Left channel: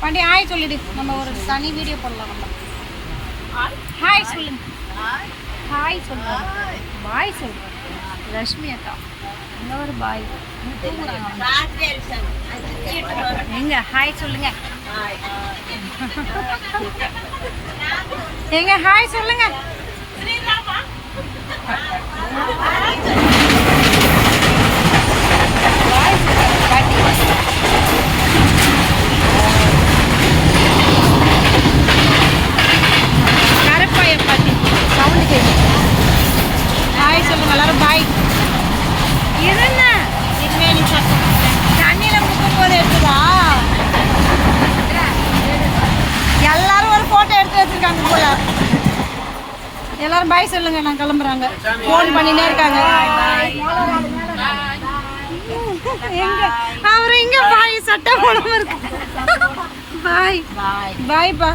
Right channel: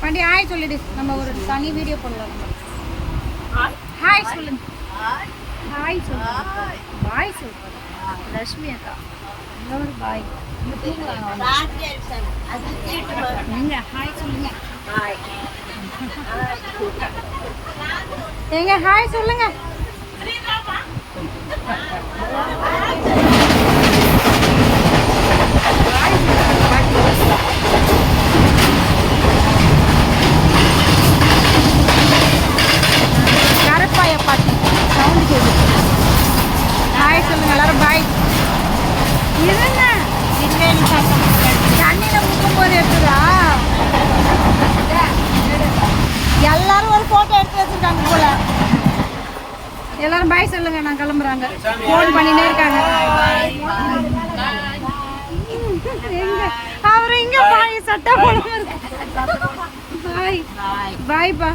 Pandi hi சொல்லிடு. நம்ம ஒரு தனி வீடியோ போடலாம் நம்ம. ஹாய் சொல்லுங்க. ஹாய் சொல்றாங்க பாய் சொல்றாங்க லட்சுமி அக்கா. இங்க ஒரு பாய் இங்க தூங்குறாங்க எங்க? ஹாய் சொல்லுங்க. எங்க? ஹாய் சொல்லுங்க Bye சொல்லுங்க, பாட்டி. கருப்பாய பாட்டி சவுண்ட் கேட்குது ஹாய் சொல்லுங்க எல்லாரும் பாய் இருங்க. தண்ணியில முக்கும் போது எடுத்ததா? எல்லாரும் ஒரு போட்டோ எடுத்து வச்சிருக்காங்க போல. எல்லாரும் பாய் சொல்லுங்க நான் கிளம்புறாங்க. ஃபோன் பண்ணினே இருக்காங்க. எங்க? அவர் எங்க பாய் சட்டை போடாம இருக்கு. பாய் பாய் பாய்ப்பா